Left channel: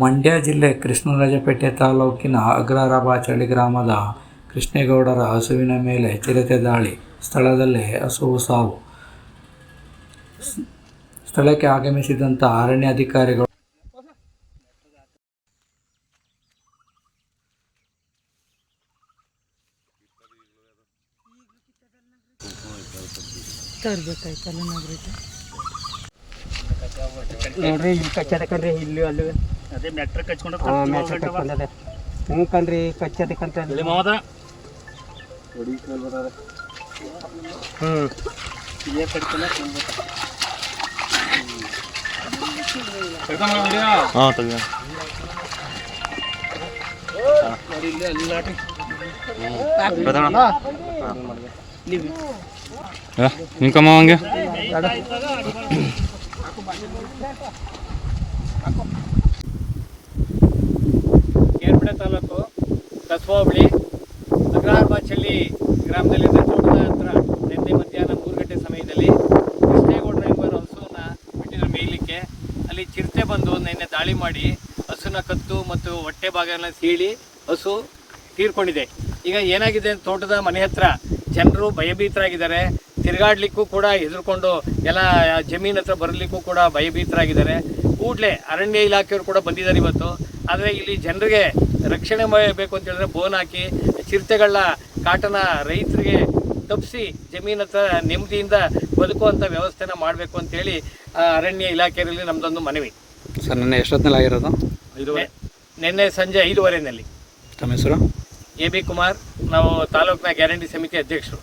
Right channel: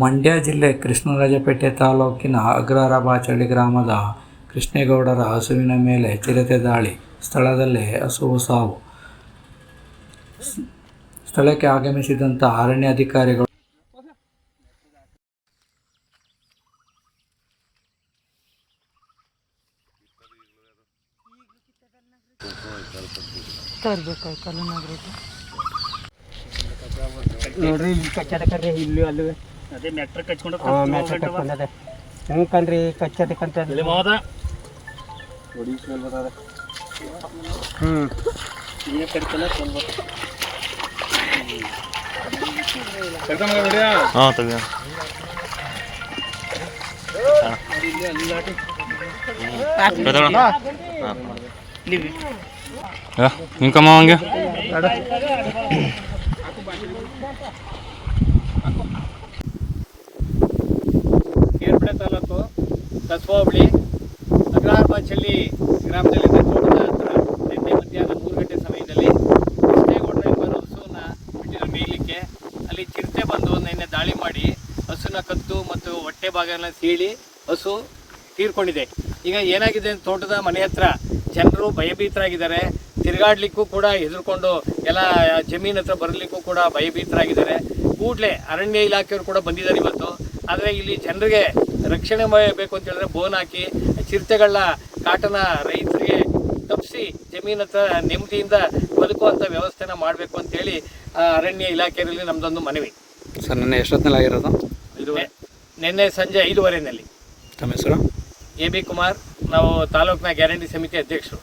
ಮಂಡ್ಯ ಜಿಲ್ಲೆ ಕೃಷ್ಣರಾಜಪೇಟೆ ತಾಲೂಕಿನ ಅಗ್ರಹಾರಬಾಚಳ್ಳಿ ಗ್ರಾಮದ ಕೃಷ್ಣೇಗೌಡರ ಹಸುವಿನ ಮೇಲೆ ಚಿರತೆ ದಾಳಿ, ಸ್ಥಳದಲ್ಲೇ ಹಸುವು ಸಾವು. ಸ್ಥಳಕ್ಕೆ ಆಗಮಿಸಿದಂಥ ಅರಣ್ಯಾಧಿಕಾರಿಗಳು ನೋಡ್ರಿ ಇಲ್ಲಿ ಕಚ್ಚದ ಕಡ್ರಿ ಇಲ್ಲಿ ಅಲ್ಲಿ ಅದೇ ಮೆಟ್ರ್ ಕಚ್ಕೊಂಡು ಹ್ಞೂ ಕಣ್ರಿ ಕಚ್ಚದ ಕಂತ ಮಾವದ ఇంకమ్మా ಹಂಗೆ ಕೇರ್ಪಡೆ ತಾಲೂಕು ಕಸ್ಬಾ ಹೋಬಳಿ ಅಗ್ರಹಾರಬಾಚಳ್ಳಿ ಗ್ರಾಮದಲ್ಲಿ ತೋಟದ ಹತ್ರ ನಿನ್ನೆ ಮಧ್ಯಾಹ್ನ 3 ಗಂಟೆ ಸಮಯದಲ್ಲಿ ಕೃಷ್ಣೇಗೌಡರ ಎಂಬರು ಹಸುವನ್ನ ಬಿಟ್ಟಿದ್ರು ಮೇಯಲಿಕ್ಕೆ. ಅಲ್ಲಿ ಚಿರತೆ ಬಂದು ನಿನ್ನೆ ದಾಳಿ ಮಾಡಿ ಹಸುನ ಕತ್ತು ಮತ್ತು ಹೊಟ್ಟೆ ಭಾಗನ ಸೀಳಿ ಹಸು ತೀರ್ಕೊಂಡಿದೆ. ಈಗ ಏನಾಗಿದೆ, ತೋಟದ ಮನೆ ಹತ್ರ ಜನರು ಭಯಭೀತರಾಗಿದ್ದಾರೆ. ತಿರುಗಾಡ್ಲಿಕ್ಕೂ ಕೂಡ ಹೆದರ್ಕೊಂಡು ಎಲ್ಲ ಜಮೀನ್ ಹತ್ರ ಬರಲಿಕ್ಕೂ ಕೂಡ ಭಯಭೀತರಾಗಿದ್ದಾರೆ. ಕೂಡಲೇ ಅರಣ್ಯ ಇಲಾಖೆಯವರು ಕೂಡ ಬಂದಿದ್ದಾರೆ ಇವತ್ತು. ಆದರೆ ಇಲ್ಲಿ ಜನರಿಗೆ ರಕ್ಷಣೆ ಬೇಕು ಅಂತ ಹೇಳಿದ್ರೆ ಬೋನ್ ಹಾಕಿ ಚಿರತೆಗಳ ಕಾಟನ ರೈತರಿಗೆ ತಪ್ಪಿಸಿ ಜಮೀನ್ ಹತ್ರ ನೆಮ್ಮದಿಯಿಂದ ಬದುಕುವಂಥ ವ್ಯವಸ್ಥೆನ ಮಾಡಬೇಕು ಅಂತೇಳಿ ಅರಣ್ಯ ಇಲಾಖೆಯಲ್ಲಿ ನಮ್ಮದೊಂದು ಮನವಿ. ಸರ್, ನಿನ್ನೆ ಎಷ್ಟೊತ್ತಿನಲ್ಲಿ ಆಗಿರೋದು? ನಿನ್ನೆ ಸಂಜೆ 5:15 ತಮ್ಮ ಹೆಸರು? AB ಕುಮಾರ್, ನಾವು ತಾಲೂಕಿನ ಗ್ಯಾರಂಟಿ ಸಮಿತಿ ಅಧ್ಯಕ್ಷರು.